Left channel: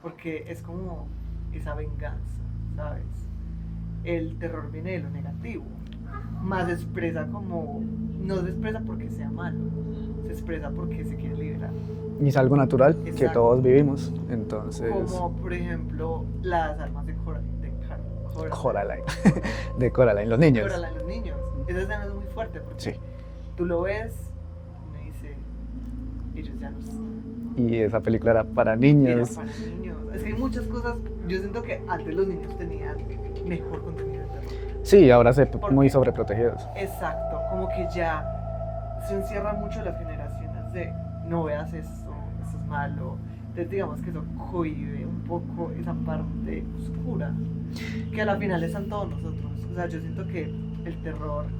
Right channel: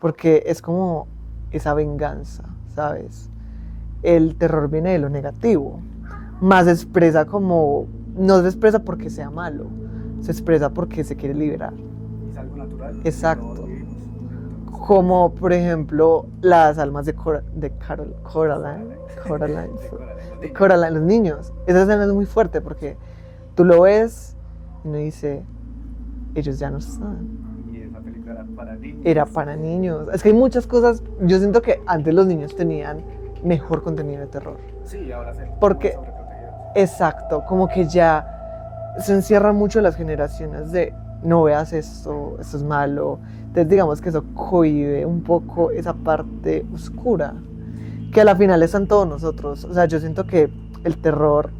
porque es como esa venganza, ¿sabes? El terror viene de lo negativo, más se expresa como, no se expresa porque sea malo, se expresa porque se quiere liberar. Y es algo natural que Exacto. todos vivimos, entonces... Como, por ejemplo, las almas de Coraline. De Coraline, los niños. Coraline, los niños. Esa escena es muy fuerte porque Sí. tú lo ves y uno dice, ellos ya no están. Y esa película era para niños. Era para niños. Es que hay muchas cosas, yo siento que antes los niños tenían mejor contenido de terror. Sí, ahora se Porque- muy sobreprotegidos. Exacto, como que ya se encierran mucho las generaciones de no veas esto es malo. Entonces digamos que eso cohíbe un poco esa parte oscura, que a la final está en todos nosotros. O sea, yo siento que el terror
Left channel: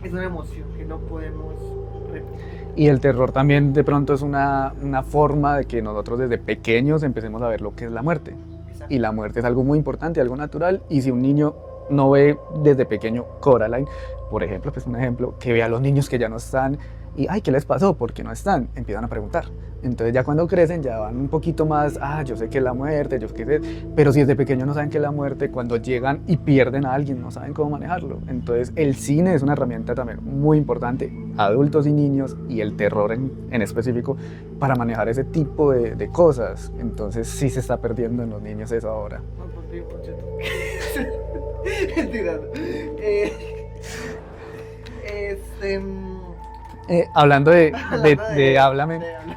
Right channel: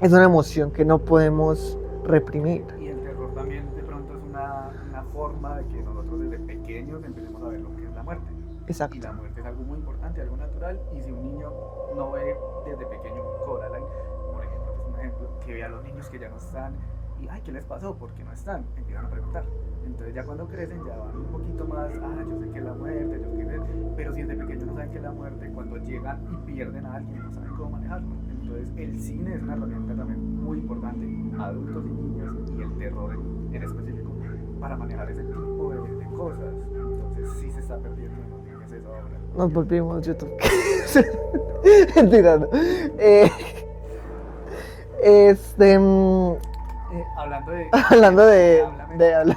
es una emoción que no podemos reprimir. Y el terror también de pronto es una forma de que nosotros desde pequeños empecemos a ver lo que es la muerte. Exacto. Y la muerte es algo muy importante, algo natural. Y si un niño no ve desde pequeño Coraline, por ejemplo, pues un ejemplo, que ve a los niños que ya no están y, ay, ¿qué les pasó? ¿Por qué no están? Empiezan a preguntar. Entonces ya cuando crecen ya van un poquito más, yo sé que es la muerte, yo sé que es... Pero si desde pequeño no saben qué es la muerte, cuando llegan y pierden a alguien no saben cómo manejarlo. Entonces el cine es una herramienta también muy importante, adultos y niños, y el terror en específico, para manejar ese tipo de cosas. Entonces sí se está perdiendo en los niños eso ahora. Nos volvimos YouTube. Mentira, no. Este. Hablando de Háblame. De habla.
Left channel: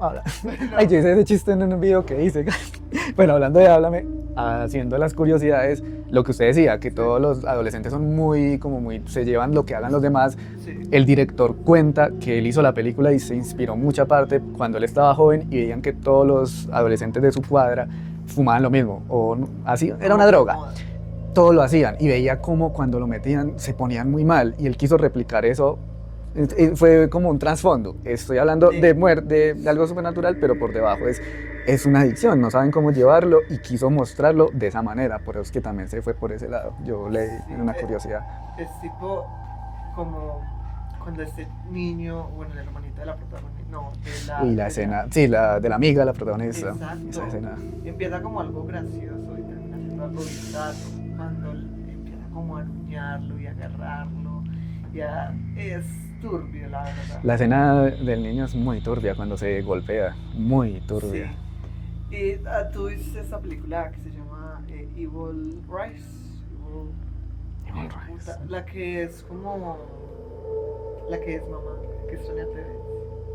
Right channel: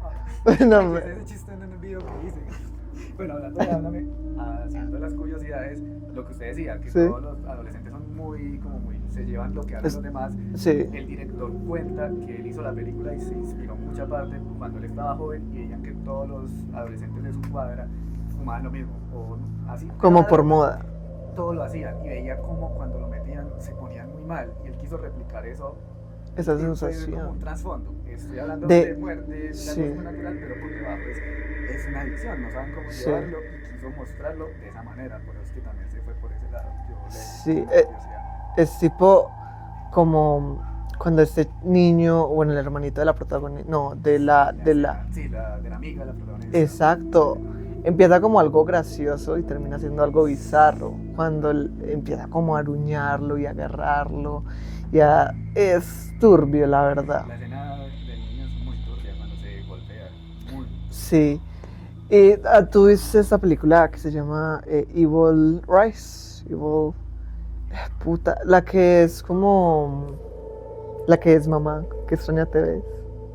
Habla. No, Ay, yo hice ese chiste en un video que hice. Bueno, hablando de Háblame, haciendo las curiosidades, lo que usted decía, que Sí. todos los adolescentes son muy, se llevan lo que hablan los demás. Sí. El director cuenta que él hizo la película y se inspiró mucha parte cuando él estaba joven y veían que todos los adolescentes de su cuadra fumaban lo mismo, o así, era Como una por droga. moda. Todo lo hacían y veía como cuando lo metían se ponían muy mal y él quiso replicar eso. Esa Fue sensación. como un trasfondo. Estoy hablando de muerte, de algo Sí. supernatural, pero por debajo es una adicción. No saben cómo llevarlo y quiso mostrarlo de esa manera. Por eso es que también se fue por ese lado. Yo leí Sí, una curiosidad. Es tipo como cuando este niño, bueno, el hermanito de la protagonista, no, de la... Y la de escena, sí, de la amiga, la protagonista. Exacto. Esa escena. Empieza como algo gracioso y termina siendo algo bizarro. Cuando él empieza como a aruñarlo y a agarrarlo. Ya es turbio, la verdad. La escena del niño es muy turbia cuando se golpea. Muy turbia. Sí. Y tú viste esta película que se llama Evil Rise. Evil... Puta, la que es como... La que es mamá, que es Sonia TV.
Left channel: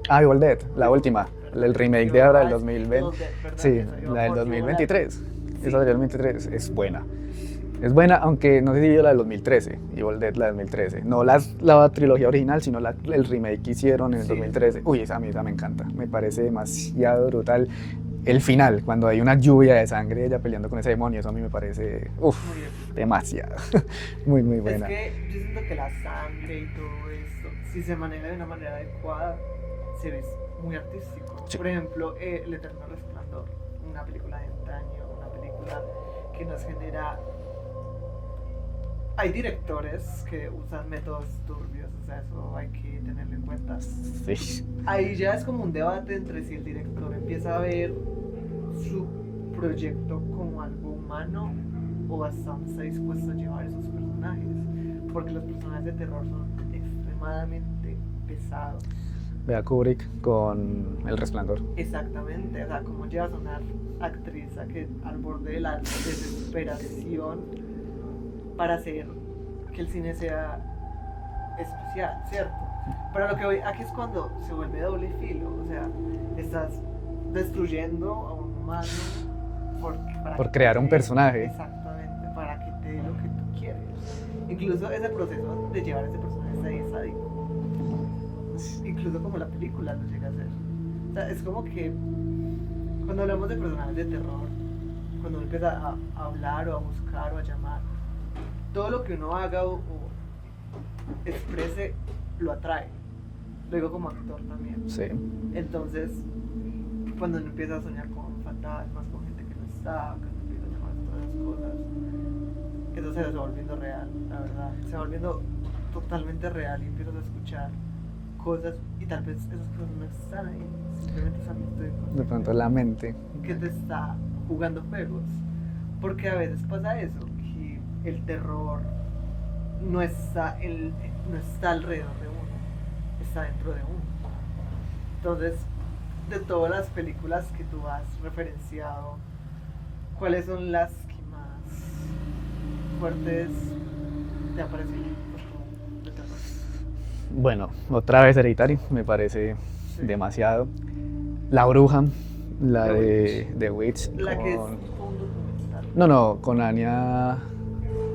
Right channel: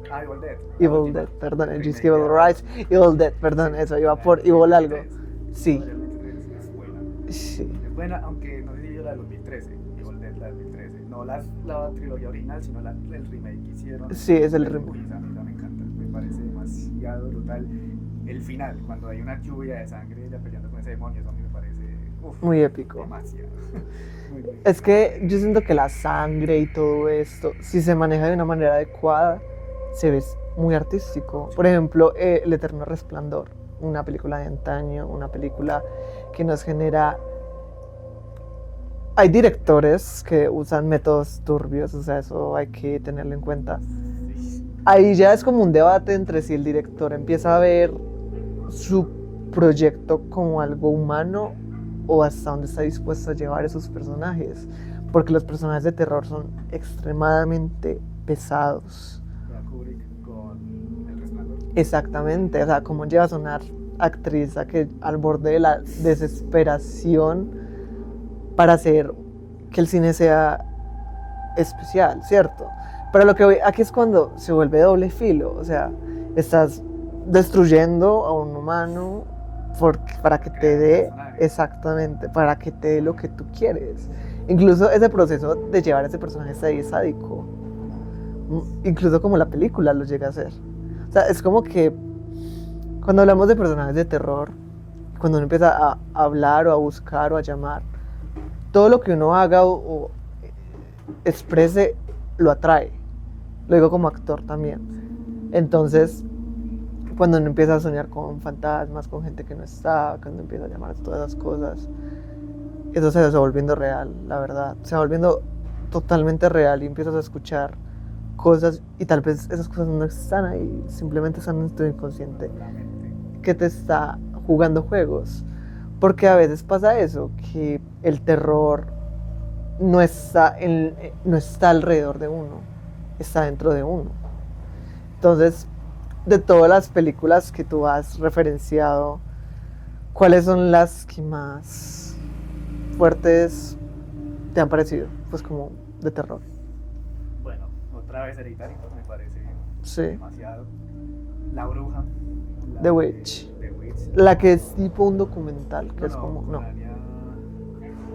Evil Dead, la Evil última. Dead, perdón, el es remake Evil de ahora del Rise, 2020. Evil Dead, perdón, Sí, eso iba la por del Evil 2023. Sí. Esa del 2023 es buena. Sí. Es buena, aunque no sé si yo la del 2013, Evil Dead la del 2013. No la trilogía original, sino el remake que hicieron en el Sí, es el 2013. Uy, esa a mí esa me encanta. Me parece demasiado brutal. El final, cuando hay una lluvia de sangre, ella peleando con ese demonio, eso a mí me parece Muy épico. demasiado. Muy, muy buena. Es que yo siento que la sangre y todo esto, si se maneja de una manera adecuada, se ve muy artístico. Sí. Por ejemplo, El Eterno Resplandor, una película de antaño, una película que nos genera... Hay directores que usan métodos turbios, o sea, eso hay que tenerlo en cuenta. Sí. Ahí ya es como un debate entre si el director empieza a ver su proyecto como algo humano o hasta dónde está dispuesto a llevar esos personajes, porque los personajes de terror son extremadamente pesados. Vea Kubrick con El Resplandor. Exactamente, o sea, cómo llevas a una actriz al borde de la desesperación para hacer que el cine sea especial, ¿cierto? Pero lo que voy aquí es cuando se vuelve doble filo, o sea, estás destruyendo a un humano para Por que crear te un dé, personaje. exactamente, para que te dé lo que tú quieres. Incluso ese proceso de llevar a ese personaje hasta ahí es sádico. Incluso como la película lo llega a hacer. O sea, es como que cuando hablamos de personajes de terror, cuando uno empieza a hablar o a buscar o a llamar, todo lo que uno haga o exprese lo atrae. Lo digo como actor también. Sí. Entonces, cuando uno empieza a soñar con fantasmas, con gente que no está, cuando empieza a llamar a todas esas cosas, eso se va volviendo real, la verdad. Se va volviendo totalmente real y empiezas a escuchar cosas y tal vez esas cosas no están ahí, simplemente están en tu De inconsciente. pronto la mente. que te está jugando juegos. Porque a veces pasa eso, que el terror no está alrededor de uno, está dentro de uno. Entonces, de todas las películas que tú has referenciado, ¿cuáles son las que más fuertes te han parecido? Pues como de terror. Bueno, otra vez Hereditary, me parece Sí. demasiado. La Bruja, la The de Witch. The Witch. La que es con- tipo un documental. que No, es no, como- con Anya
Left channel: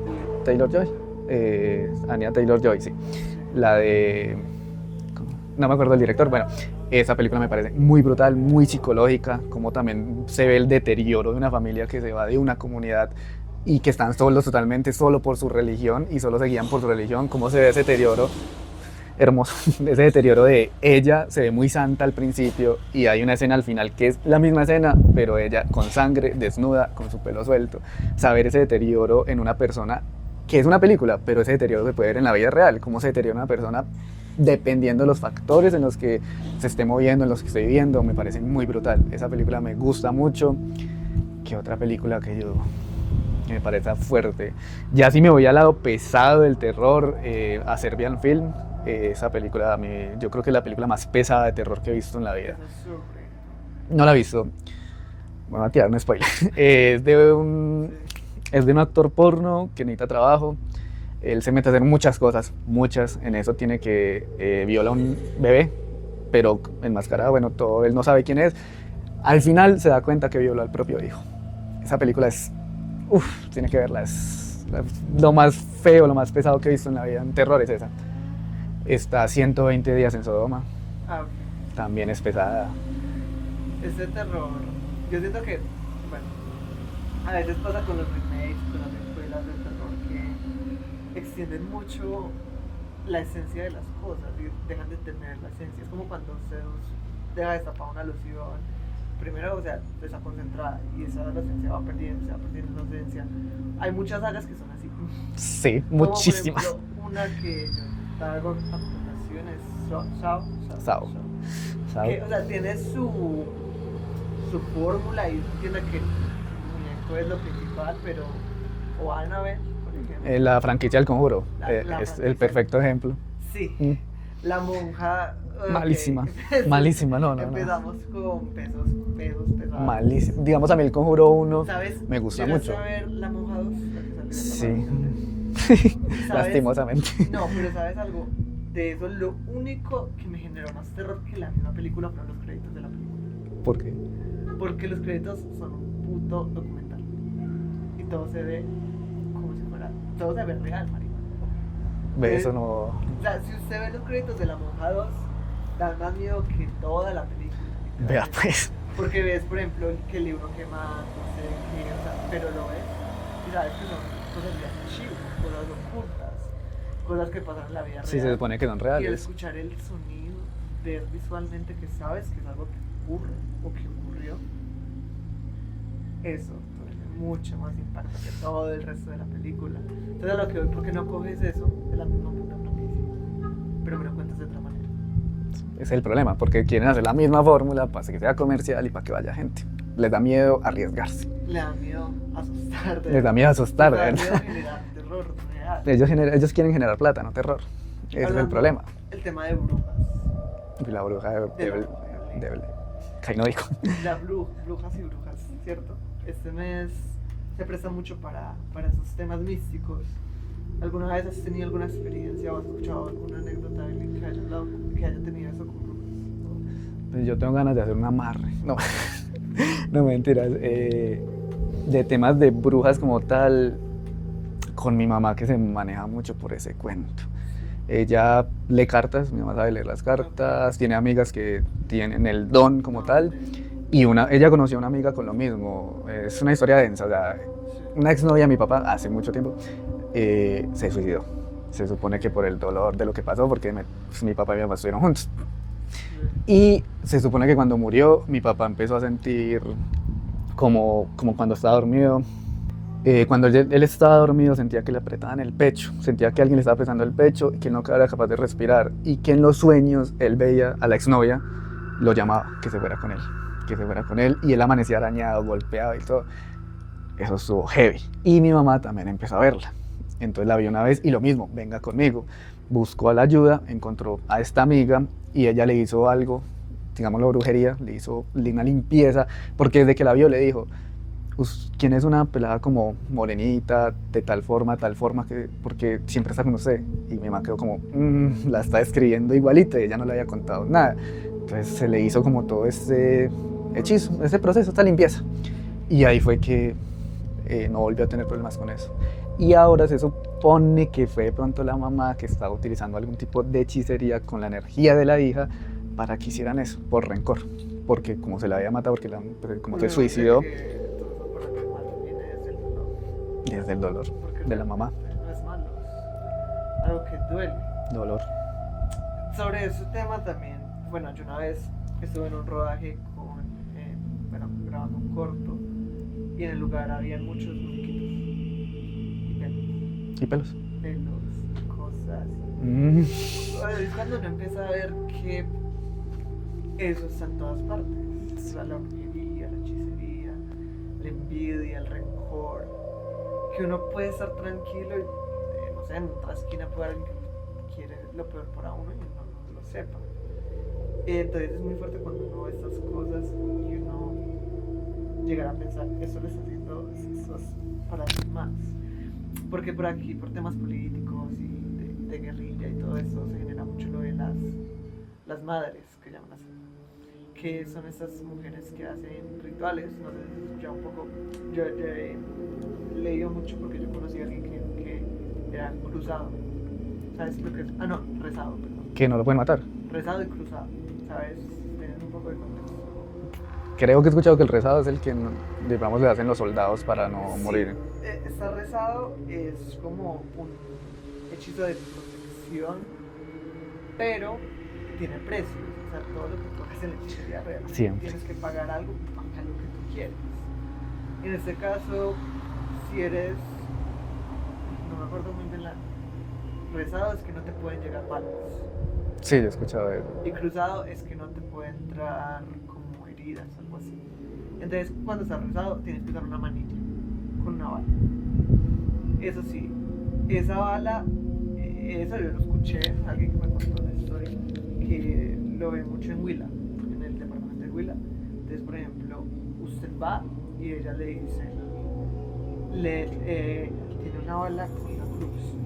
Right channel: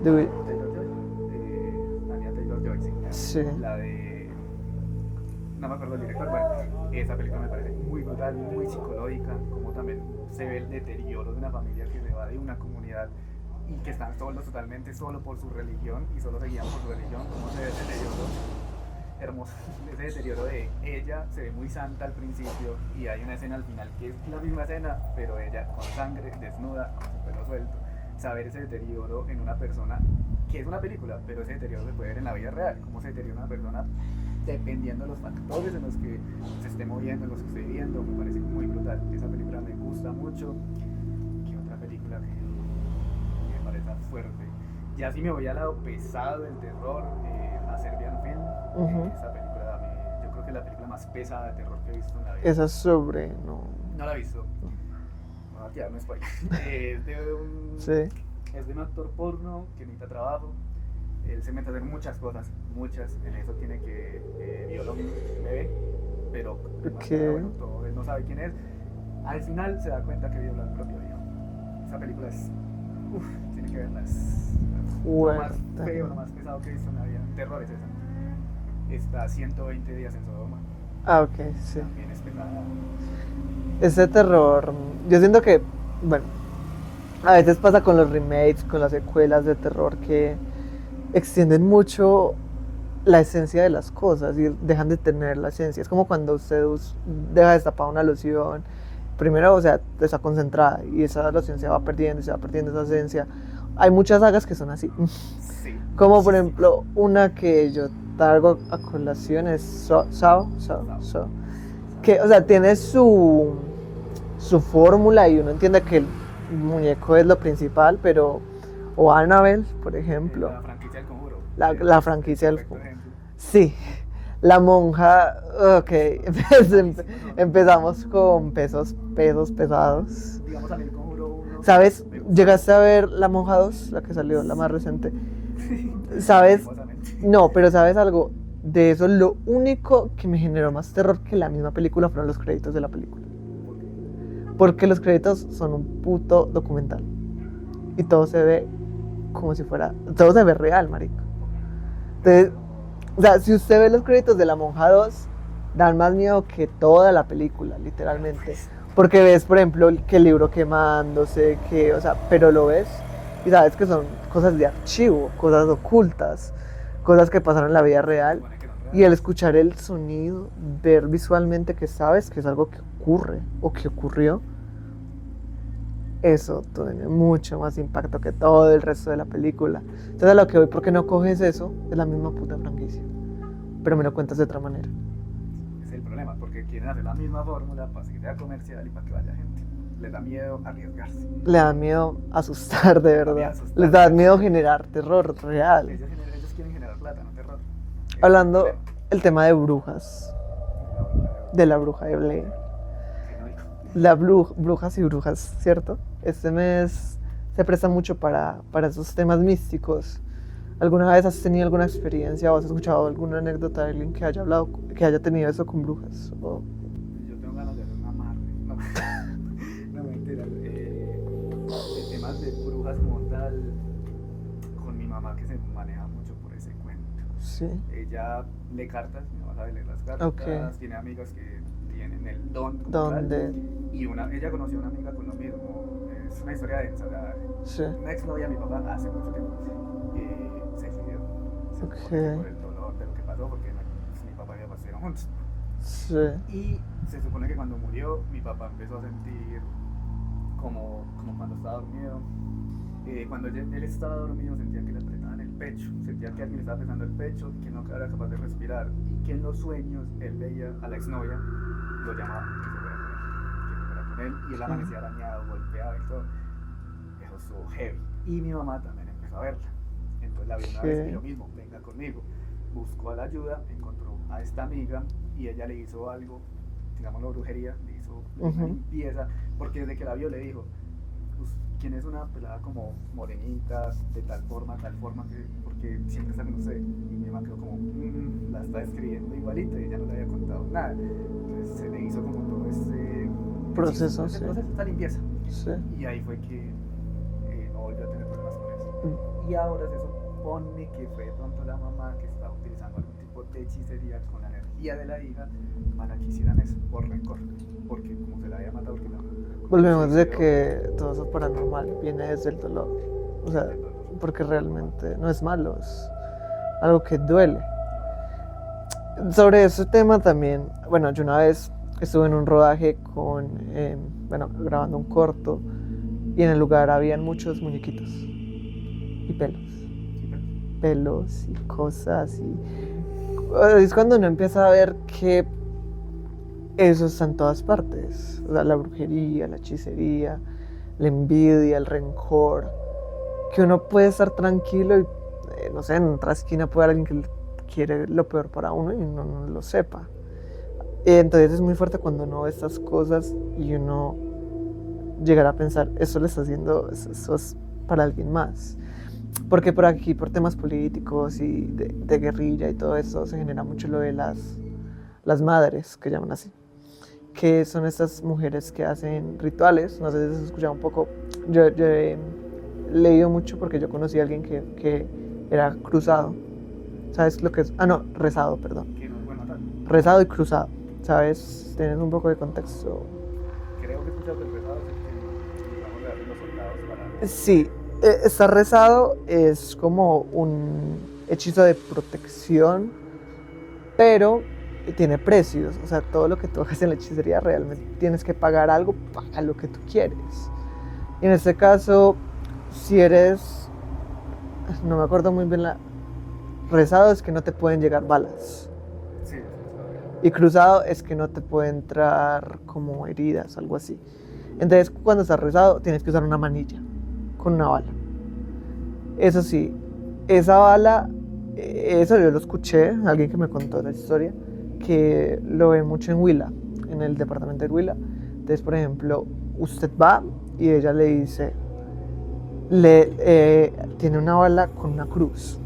The Witch. Taylor-Joy. Anya Taylor-Joy, sí. Sí. La de... No me acuerdo el director. Bueno, esa película me parece muy brutal, muy psicológica, como también se ve el deterioro de una familia que se va de una comunidad y que están solos totalmente, solo por su religión y solo se guían por su religión, cómo se ve ese deterioro hermoso, ese deterioro de ella se ve muy santa al principio y hay una escena al final que es la misma escena, pero ella con sangre, desnuda, con su pelo suelto. Saber ese deterioro en una persona, que es una película, pero ese deterioro se puede ver en la vida real, cómo se deteriora una persona dependiendo de los factores en los que se esté moviendo, en los que esté viviendo, me parece muy brutal. Esa película me gusta mucho. ¿Qué otra película que me parece fuerte? Ya si me voy al lado pesado del terror, a Serbian Film, Ujú. esa película, yo creo que es la película más pesada de terror que he visto en la vida. Esa es sobre. No la he visto. Me voy a tirar un spoiler. Es de un, Sí. es de un actor porno que necesita trabajo. Él se mete a hacer muchas cosas, muchas. En eso tiene que viola a un bebé, pero enmascarado, Ok. bueno, todo, él no sabe quién es. Al final se da cuenta que violó al propio hijo. Esa película es, tiene que verla, es lo Bueno. más feo, lo más pesado que he visto en la vida en terror es esa. Está 120 días en Sodoma, Ah, ok. Sí. también es pesada. Ese terror. Yo siento que, bueno, a veces pasa con los remakes, con las secuelas de terror que extienden mucho la esencia de las cosas y dejan de tener la esencia. Es como cuando usted deja destapada una loción. Primero, o sea, está concentrada y esa loción se va perdiendo esa esencia. Hay muchas sagas que son así. Sí, Como por muchísimas. ejemplo, una que yo traigo a colación es Saw. Saw. Saw. ¿sabes? Que, o sea, tiene su fórmula y uno entiende que el muñeco es lo principal, pero... O Annabelle, por ejemplo. La franquicia del Conjuro. La es franquicia el del perfecto ejemplo. Sí. Mm. La monja... ok. Malísima. Malísima, no. Empezamos con pesos pesados. Malísima. Digamos, a mí el Conjuro 1 ¿Sabes? me gusta ¿Llegaste mucho. a ver La Monja 2? La que salió, la más Sí. reciente. ¿Sabes? Lastimosamente. No, pero ¿sabes algo? De eso, lo único que me generó más terror que la misma película fueron los créditos de la película. ¿Por qué? Porque los créditos son un puto documental. Y todo se ve como si fuera... Todo se ve real, marico. Eso no... O sea, si usted ve los créditos de La Monja 2, dan más miedo que toda la película, Vea, literalmente. pues. Porque ves, por ejemplo, que el libro quemándose, que, o sea, pero lo ves y sabes que son cosas de archivo, cosas ocultas, cosas que pasaron en la vida Sí, se real. supone que son reales. Y al escuchar el sonido, ver visualmente que sabes que es algo que ocurre o que ocurrió, eso tiene mucho más impacto que todo el resto de la película. Entonces a lo que voy, ¿por qué no coges eso de la misma puta franquicia? Pero me lo cuentas de otra manera. Ese es el problema, porque quieren hacer la misma fórmula para que sea comercial y para que vaya gente. Les da miedo arriesgarse. Le da miedo asustar de Les da verdad. miedo asustar, Les da ¿verdad? miedo generar terror real. Ellos quieren generar plata, no terror. Ese es el Hablando problema. el tema de brujas, Y la bruja de la bruja de Blair. Ahí no dijo. Brujas y brujas, ¿cierto? Este mes se presta mucho para esos temas místicos. ¿Alguna vez has tenido alguna experiencia o has escuchado alguna anécdota de alguien que haya hablado, que haya tenido eso con brujas? O... Pues yo tengo ganas de hacer un amarre. No, no mentiras. De temas de brujas como tal, con mi mamá que se maneja mucho por ese cuento. Sí. Ella lee cartas, mi mamá sabe leer las cartas, Ok. tiene amigas que tienen el don como tal. ¿Dónde? Y ella conoció a una amiga con lo mismo. Es una historia densa. O sea, Sí. una exnovia de mi papá hace mucho tiempo se suicidó. Se supone que Sí. por el dolor de lo que pasó, porque pues, mi papá y mi mamá estuvieron juntos. Sí. Y se supone que cuando murió, mi papá empezó a sentir como cuando estaba dormido. Cuando él estaba dormido, sentía que le apretaban el pecho, sentía que alguien le estaba apretando el pecho y que él no era capaz de respirar. Y que en los sueños él veía a la exnovia, lo llamaba, que se fuera con él. que se fuera con él, y él amanecía arañado, golpeado y todo. Eso estuvo heavy. Y mi mamá también empezó a verla. Entonces la vio una vez y lo mismo, venga conmigo. Buscó a la ayuda, encontró a esta amiga y ella le hizo algo, digámoslo brujería, le hizo una limpieza, porque desde que la vio le dijo, ¿quién es una pelada como morenita, de tal forma, que, porque siempre está con usted? Y mi mamá quedó como, la está describiendo igualita y ella no le había contado nada. Entonces se le hizo como todo ese hechizo, ese proceso, esta limpieza. Sí. Y ahí fue que no volvió a tener problemas con eso. Y ahora se supone que fue de pronto la mamá que estaba utilizando algún tipo de hechicería con la energía de la hija para que hicieran eso, por rencor. Porque como se la había matado, porque como se suicidó. Que todo eso paranormal viene desde el dolor. Desde el dolor. Porque realmente no es malo, es algo que duele. Dolor. Sobre ese tema también, bueno, yo una vez estuve en un rodaje grabando un corto, y en el lugar habían muchos muñequitos y pelos. ¿Y pelos? Pelos y cosas. Es cuando uno empieza a ver que eso está en todas partes. O sea, la brujería, la hechicería, la envidia, el rencor. Que uno puede estar tranquilo y, no sé, en otra esquina puede haber alguien que quiere lo peor para uno y uno no lo sepa. Entonces es muy fuerte cuando uno ve estas cosas y uno llegar a pensar, eso le está haciendo, eso es para alguien más. Porque por aquí, por temas políticos y de guerrilla y todo eso, se genera mucho lo de las madres, que llaman así, que son estas mujeres que hacen rituales. No sé si se escucha un poco. Yo he leído mucho porque yo conocí a alguien que era cruzado. ¿Sabes lo que es? No, rezado, perdón. ¿Que no lo pueden matar? Rezado y cruzado, ¿sabes? Tener un poco de contexto. Creo que he escuchado que el rezado es el que, digamos, le hacen los soldados para no morir. Estar rezado es como un hechizo de protección, pero tiene precios. O sea, todo lo que tú hagas en la hechicería realmente tienes que pagar algo para lo que tú quieres. Y en este caso, si eres, no me acuerdo muy bien, rezado es que no te pueden llegar balas. Sí, yo he escuchado eso. Y cruzado es que no te puede entrar como heridas, algo así. Entonces, cuando estás rezado, tienes que usar una manilla con una bala. Eso sí, esa bala, eso yo lo escuché, alguien que me contó la historia, que lo ve mucho en Huila, en el departamento de Huila. Entonces, por ejemplo, usted va y ella le dice, tiene una bala con una cruz.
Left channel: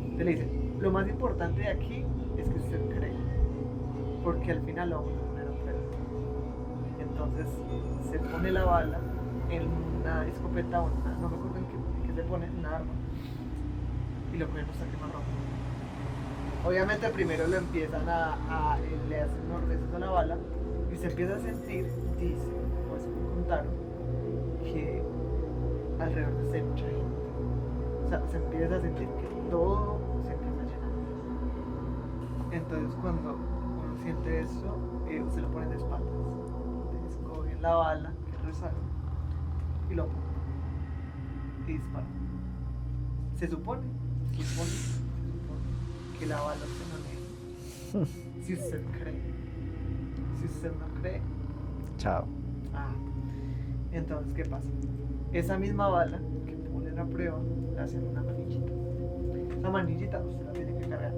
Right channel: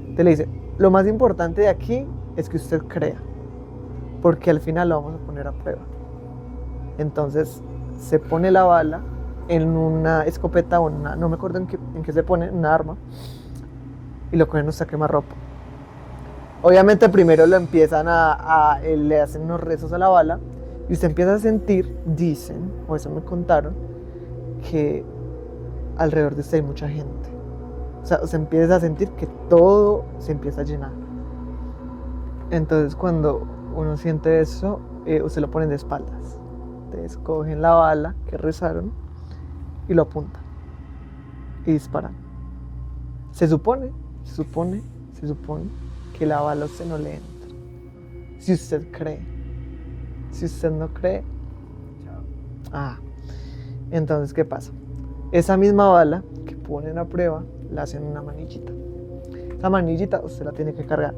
Entonces le dice, lo más importante de aquí es que usted crea, porque al final lo vamos a poner a prueba. Entonces se pone la bala en una escopeta o no me acuerdo en qué se pone, una arma, y lo cogen hasta quemarropa. Obviamente primero lo empiezan le hacen unos rezos a la bala y usted empieza a sentir, dicen, o eso me contaron, que alrededor de usted hay mucha gente. O sea, se empieza a sentir que todo se empieza a llenar. Entonces cuando uno siente eso, usted lo ponen de espaldas. Entonces cogen la bala que rezaron y lo apuntan y disparan. Se supone que la bala a usted no le entra. Si usted cree. Si usted no cree, chao. Entonces, ¿qué pasa? Esa misma bala que ponen a prueba, la hacen una manillita. Esa manillita usted la tiene que cargar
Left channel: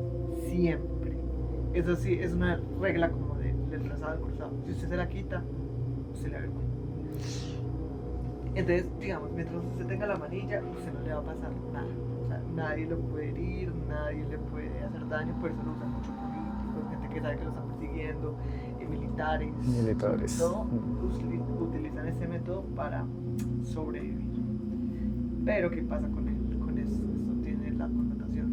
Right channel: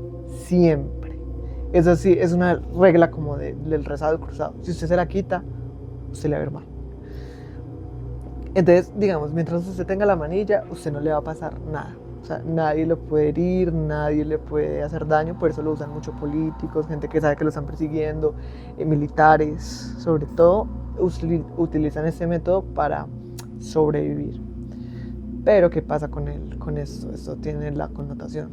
siempre. Eso sí, es una regla como del rezado y cruzado. Si usted se la quita, usted le va a ver mal. Entonces, digamos, mientras usted tenga la manilla, usted no le va a pasar nada. O sea, nadie lo puede herir, nadie le puede hacer daño. Por eso lo usan muchos políticos, gente que sabe que lo están persiguiendo, militares, sobre todo, utilizan este método para sobrevivir. Pero, ¿qué pasa con esto? Esto tiene la connotación.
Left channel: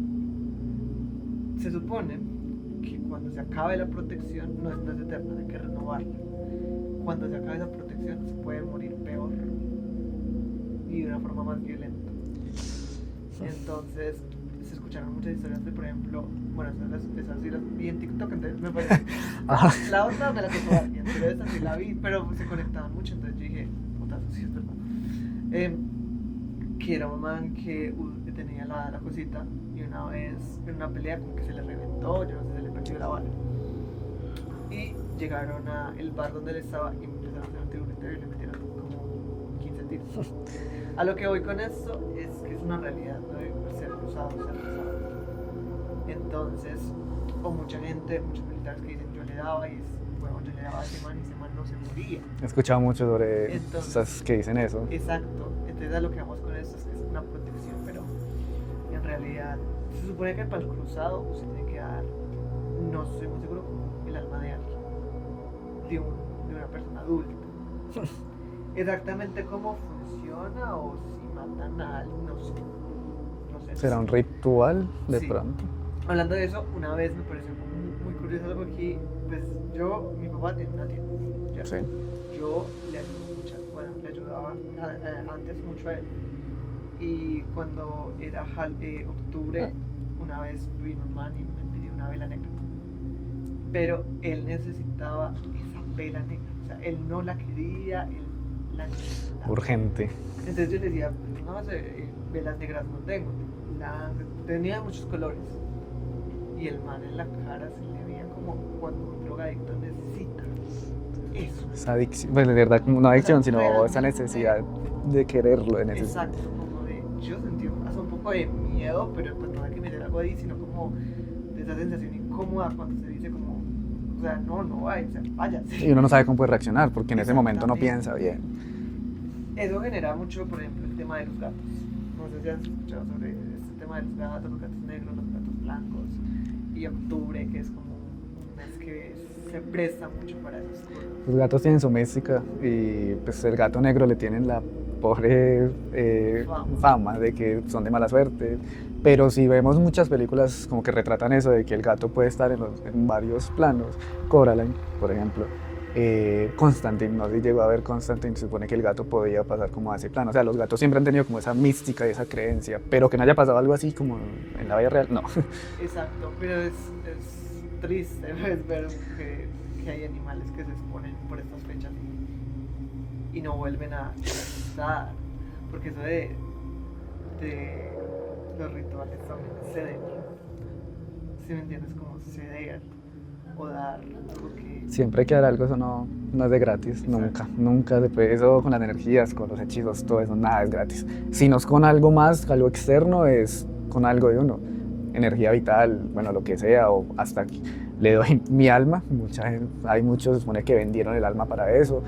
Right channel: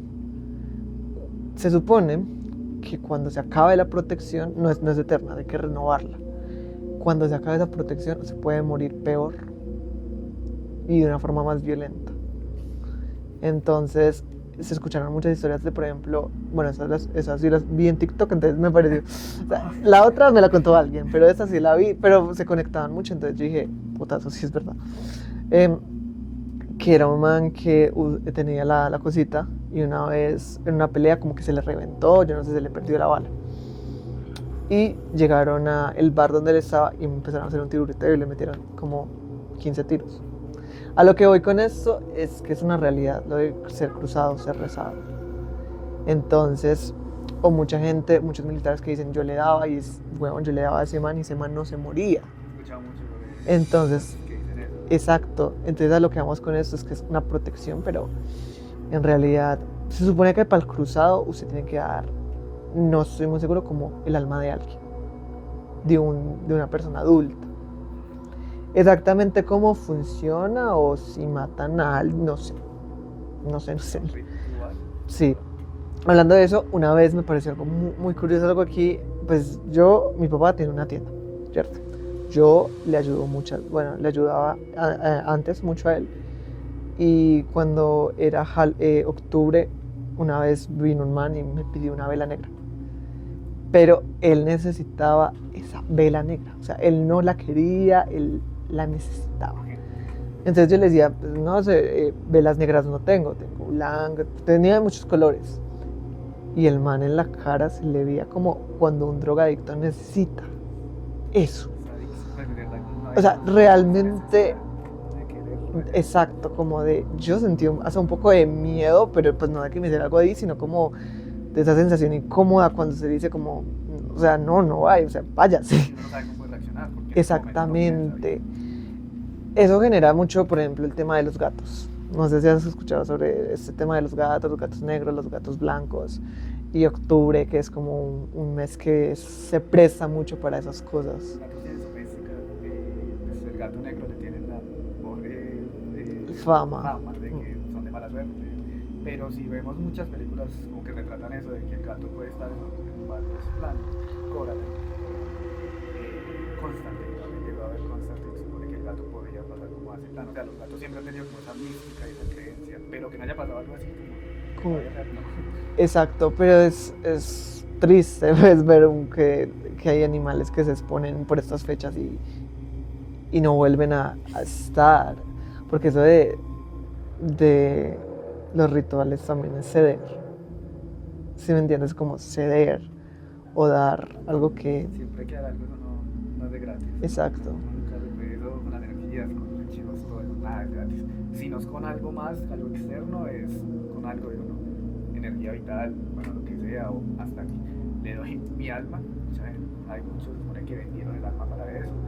Se supone que cuando se acabe la protección, no es eterna, hay que renovarla. Cuando se acabe esa protección, se puede morir peor y de una forma más violenta. Entonces, se escucharon muchas historias de, por ejemplo, bueno, esas sí las vi en TikTok, entonces me pareció. La otra me la contó alguien, pero esa sí la vi, pero se conectaban mucho, entonces yo dije, puta, eso sí es verdad. Que era un man que tenía la cosita y una vez en una pelea como que se le reventó, yo no sé, se le perdió la bala. y llegaron a el bar donde él estaba y empezaron a hacer un tiroteo y le metieron como 15 tiros. A lo que voy con esto es que es una realidad, lo de ser cruzado, ser rezado. Entonces, o mucha gente, muchos militares que dicen yo le daba y bueno, yo le daba a ese man y ese man no se moría. He escuchado mucho sobre Entonces, cosas que dicen eso. Exacto, entonces a lo que vamos con esto es que es una protección, pero en realidad se supone que para el cruzado usted tiene que dar, no estoy muy seguro, como el alma de alguien, de una persona adulta. Exactamente cómo funciona o si matan a alguien, no sé. No sé. ¿Será un ritual de Sí. pronto? Hablando de eso, una vez me pareció algo muy curioso, algo aquí, pues mi papá tiene una tienda, ¿cierto? Yo le ayudo mucho, bueno, le ayudaba antes mucho a él. Y cuando era octubre, una vez vino un man y me pidió una vela negra. Pero él necesitaba esa vela negra, o sea, él no la quería, él la necesitaba. Urgente. Entonces yo le decía, pues, no sé, velas negras no tengo blanca, tenía muchos colores. Y el man en la cara se le veía como cuando un drogadicto necesita eso. Esa adicción, pues de verdad como una O sea, adicción, sino realmente- esa necesidad de quererlo. Exacto, como de, yo sentí hasta un poco de miedo, pero pues no de que me hiciera algo ahí, sino como de esa sensación incómoda cuando se dice como, o sea, no vaya, o sea, váyase. Y uno no sabe cómo puede reaccionar, porque en ese momento no piensa bien. Eso genera mucho, por ejemplo, el tema de los gatos. No sé si has escuchado sobre este tema de los gatos negros, los gatos blancos. Y octubre, que es como un mes que se presta mucho para esas cosas. Los gatos tienen su mística y pues el gato negro le tienen la pobre fama de que son de mala suerte. Pero si vemos muchas películas como que retratan eso, de que el gato puede estar en varios planos. Coraline, por ejemplo. Constantine, no se llegó a ver Constantine, se supone que el gato podía pasar como a ese plano. O sea, los gatos siempre han tenido como esa mística y esa creencia, pero que no haya pasado algo así como en la vida real, no. Exacto, pero es triste pues, ver que hay animales que se exponen por estas fechas y no vuelven a estar. Porque eso de los rituales también es ceder. ¿Sí me entiendes? Como ceder o dar algo que... Siempre hay que dar algo, eso no es de gratis. Exacto. Nunca después, eso con las energías, con los hechizos, todo eso, nada es gratis. Si no es con algo más, algo externo, es con algo de uno. Energía vital, bueno, lo que sea, o hasta aquí. Le doy mi alma, hay muchos, se supone que vendieron el alma para eso.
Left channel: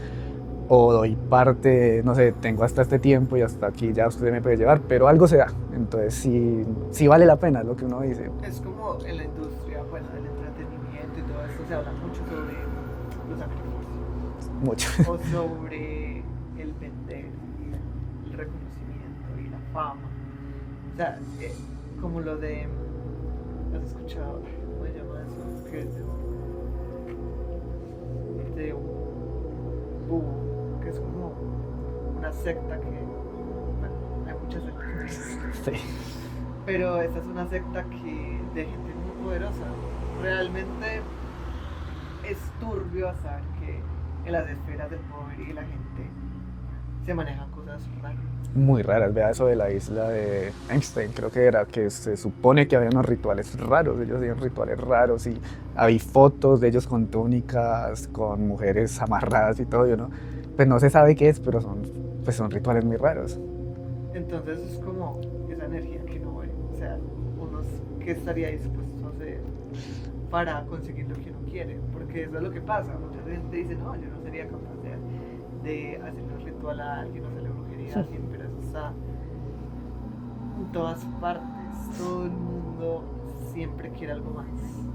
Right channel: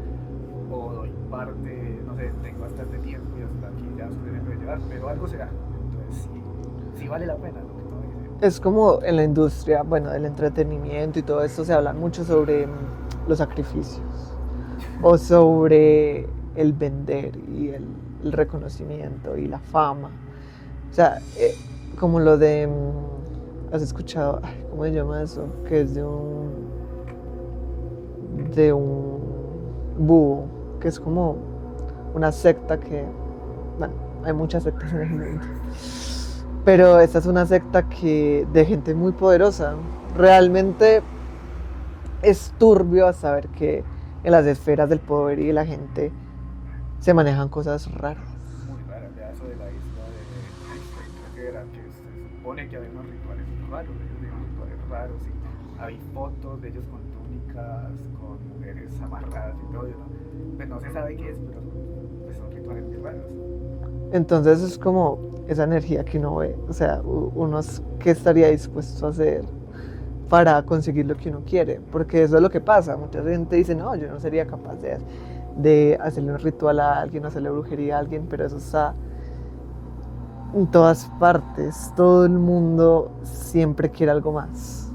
O doy parte, no sé, tengo hasta este tiempo y hasta aquí ya usted me puede llevar, pero algo se da. Entonces sí vale la pena, es lo que uno dice. Es como en la industria, bueno, del entretenimiento y todo esto se habla mucho sobre los sacrificios. Mucho. O sobre el vender y el reconocimiento y la fama. O sea, como lo de... ¿Has escuchado? Ay, ¿cómo se llama eso? Que es de un búho, que es como una secta que... Bueno, hay muchas sectas en el mundo. Sí. Pero esta es una secta de gente muy poderosa. Realmente es turbio saber que en las esferas del poder y de la gente se manejan cosas raras. Muy raras, vea eso de la isla de Einstein, creo que era, que se supone que había unos rituales raros, ellos hacían rituales raros y hay fotos de ellos con túnicas, con mujeres amarradas y todo, ¿no? Pues no se sabe qué es, pero son rituales muy raros. Entonces es como esa energía que uno ve, o sea, ¿qué estaría dispuesto a hacer para conseguir lo que uno quiere? Porque eso es lo que pasa, mucha gente dice, no, yo no sería capaz de hacerle un ritual a alguien, hacerle brujería a alguien, pero eso está en todas partes, todo el mundo siempre quiere algo más.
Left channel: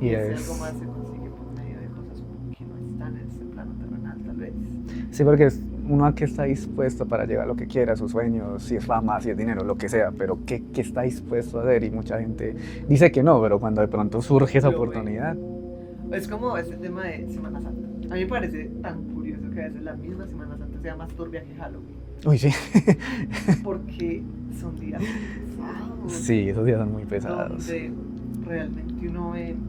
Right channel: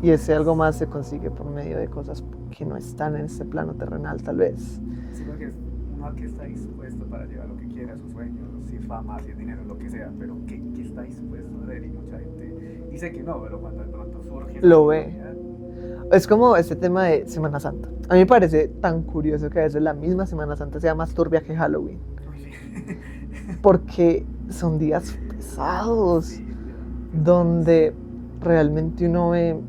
Y ese algo más se consigue por medio de cosas que no están en este plano terrenal, tal vez. Sí, porque es uno que está dispuesto para llegar a lo que quiera, a sus sueños, si es fama, si es dinero, lo que sea, pero ¿qué está dispuesto a hacer? Y mucha gente dice que no, pero cuando de pronto surge esa oportunidad... Es como este tema de Semana Santa. A mí me parece tan curioso que a veces la misma Semana Santa sea más turbia que Halloween. Uy, sí. Porque son días pesados. Sí, esos días son muy pesados. Donde realmente uno ve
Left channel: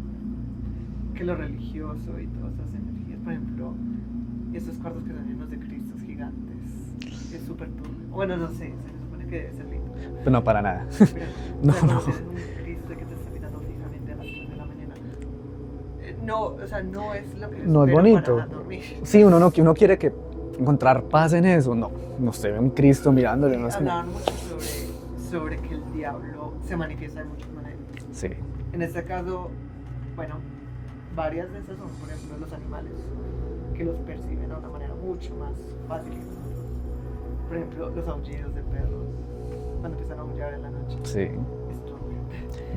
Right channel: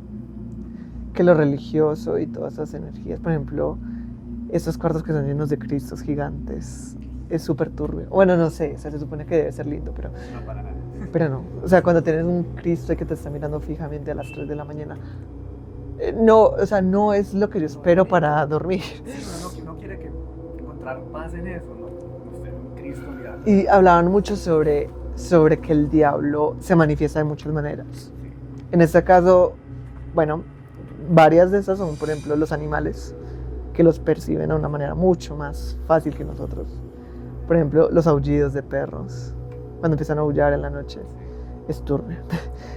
que lo religioso y todas esas energías, por ejemplo, estos cuartos que son llenos de cristos gigantes, es súper turbio. Bueno, no sé, o sea, se supone que debe ser lindo, pero... No, para nada. Pero no. O sea, cuando tienes un Cristo que te está mirando fijamente a las 3 de la mañana, No, o sea, no es lo que yo No es espero bonito. para dormir. Sí, uno quiere que encontrar paz en eso, no se ve un Cristo mirando. Y hablaban mucho sobre que el diablo se manifiesta de muchas maneras. Sí, En este caso, bueno, varias de esas son, por ejemplo, los animales, que los perciben de una manera mucho más fácil que nosotros. Por ejemplo, los aullidos de perros, cuando empiezan a aullar en la noche, sí, es turbio.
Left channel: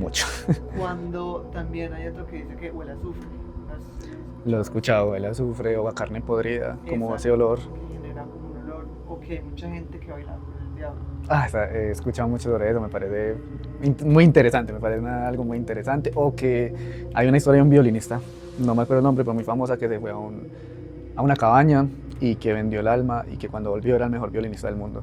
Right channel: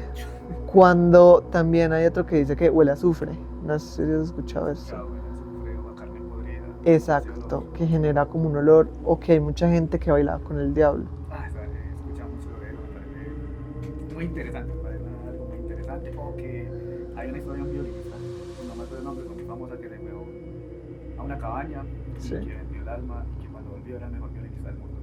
mucho. Cuando también hay otro que dice que huele a azufre, no sé si has escuchado Lo he eso. escuchado, el azufre o a carne podrida, como ese Exacto, olor. que genera como un olor, o que hay mucha gente que baila con el diablo. He escuchado mucho sobre eso, me parece muy interesante, me parece algo muy interesante. O que hay una historia de un violinista, no me acuerdo el nombre, pero muy famosa, que se fue a una cabaña y Sí. que vendió el alma y que cuando volvió era el mejor violinista del mundo.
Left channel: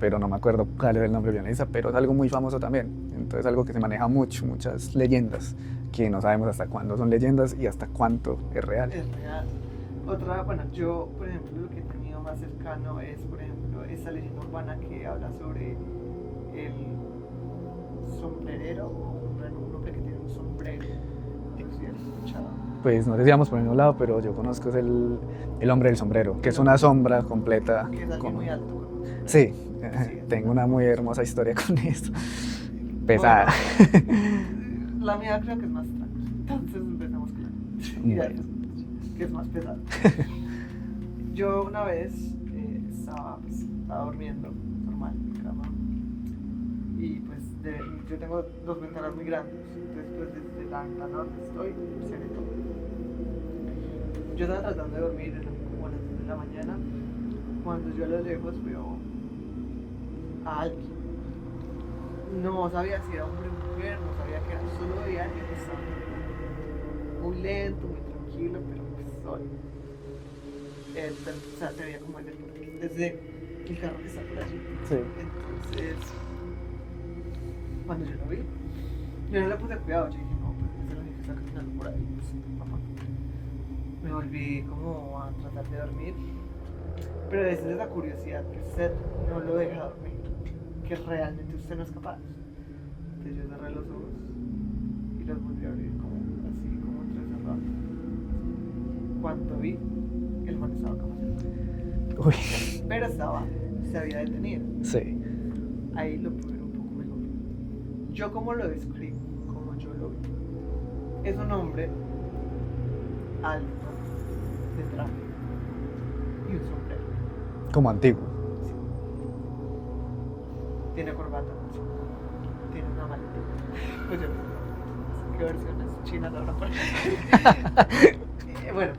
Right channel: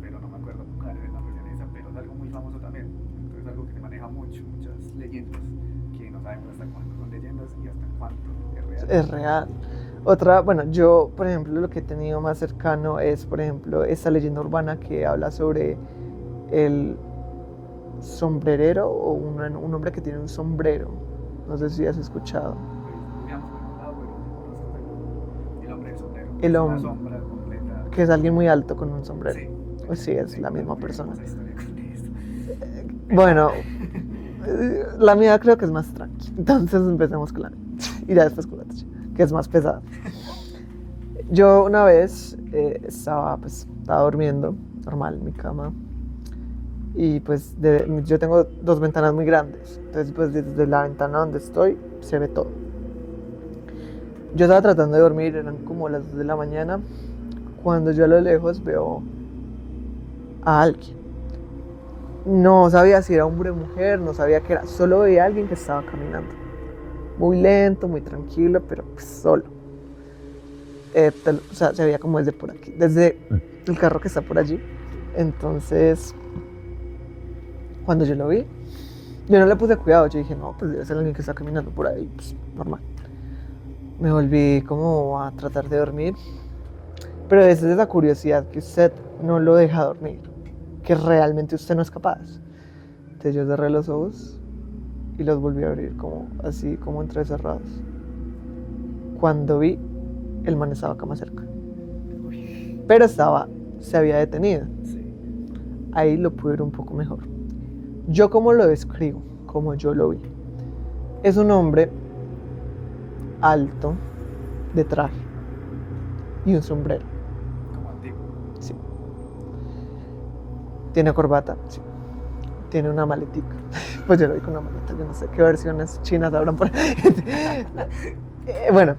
Pero no me acuerdo cuál es el nombre del violinista, pero es algo muy famoso también. Entonces algo que se maneja mucho, muchas leyendas, que no sabemos hasta cuándo son leyendas y hasta cuánto es real. Es real. Otra, bueno, yo, por ejemplo, lo que he tenido más cercano es, por ejemplo, esa leyenda urbana que habla sobre el sombrerero o un hombre que tiene un sombrero. No sé si has escuchado. Pues no sé si vamos por el mismo lado, pero yo conozco es el hombre del sombrero, que El es una hombre. sombra completa. Que es alguien muy alto con un sombrero. Sí, Sí, es tengo la una misma muy persona. hermosa historia con esto. Bueno, Pesada. la mía creo que es más tranqui. Entonces empecemos con la mía. Y ya después con la tuya, que es más pesada. Yo una vez estaba durmiendo normal en mi cama. Y pues yo tengo dos ventanas muy grandes. Entonces pues desde la ventana donde estoy se ve todo. Yo estaba tratando de dormir, eran como las 2 de la mañana, cuando yo a lo lejos veo a alguien. No sabía si era hombre o mujer, no sabía qué era, solo veía a alguien que estaba caminando. Muy lento, muy tranquilo, pero pues solo. O sea, se veía como desde por aquí, desde el carro que está por allí. Sí. Entonces, cuando yo lo vi, yo no le puse cuidado, yo dije, no, pues debe ser alguien que está caminando por ahí, pues normal. Me volví como a tratar de dormir, pero es esa curiosidad que usted no lo deja dormir, que realmente usted no es capaz. Entonces yo cerré los ojos y los volví a abrir como así, como entrecerrados. Cuando vi, el man estaba acá más cerca, Uy, pero se había detenido. sí. Ahí lo pude ver un poco mejor. Yo como lo describo, como yo lo vi, es un hombre alto, de traje y un sombrero. Como antiguo. Sí. Tiene corbata, sí. Tiene una maletica. Pues yo lo vi con una maleta, yo no sé qué versiones chinas habrán por ahí. Bueno,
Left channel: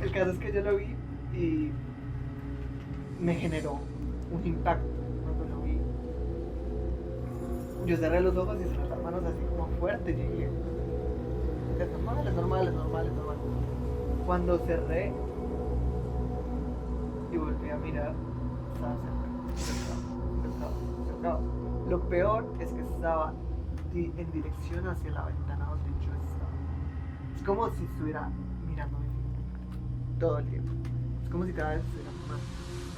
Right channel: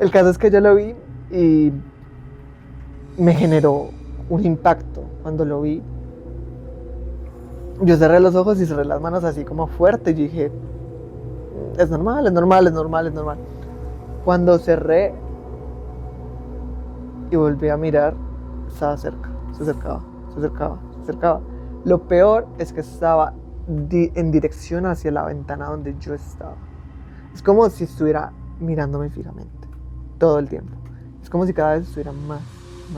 el caso es que yo lo vi y me generó un impacto cuando lo vi. Yo cerré los ojos y cerré las manos así como fuerte y dije, es normal, es normal, es normal, es normal. Cuando cerré y volví a mirar, estaba cerca, se acercaba, se acercaba, se acercaba. Lo peor es que estaba en dirección hacia la ventana donde yo estaba. Es como si estuviera mirándome fijamente, todo el tiempo. Es como si cada vez estuviera más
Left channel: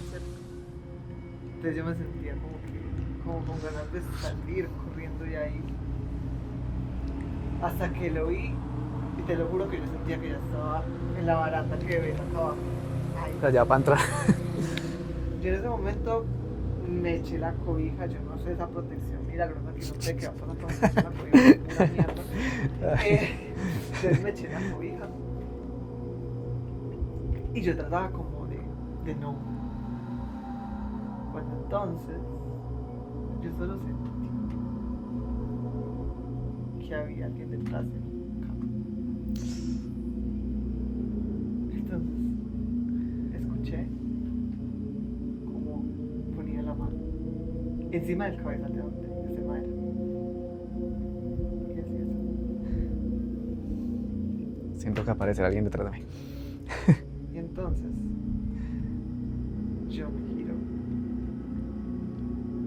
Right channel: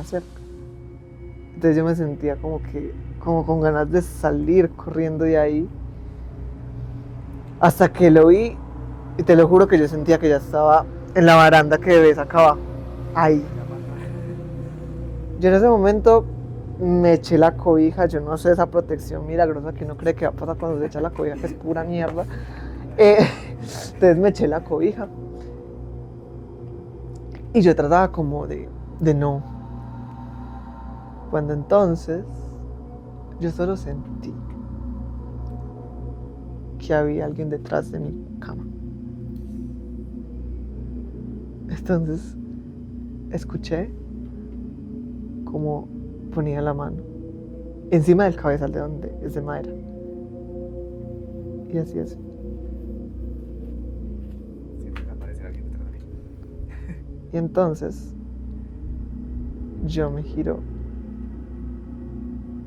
cerca. Entonces yo me sentía como con ganas de salir corriendo de ahí. Hasta que lo vi, y te lo juro que yo sentía que ya estaba en la baranda que ves acá abajo. Ahí. Allá para entrar. Yo en ese momento me eché la cobija, yo no sé esa protección milagrosa que uno cree que va a pasar cuando se echa la cobija, que es pura mierda. Entonces me eché la cobija. Y yo trataba como de no. Cuando entonces yo solo sentí que había alguien detrás de mi cama. Entonces escuché como ponía la mano encima del cabezal de donde es de madera. Y así es. Siento que aparecerá alguien detrás de mí. Y entonces yo me giro.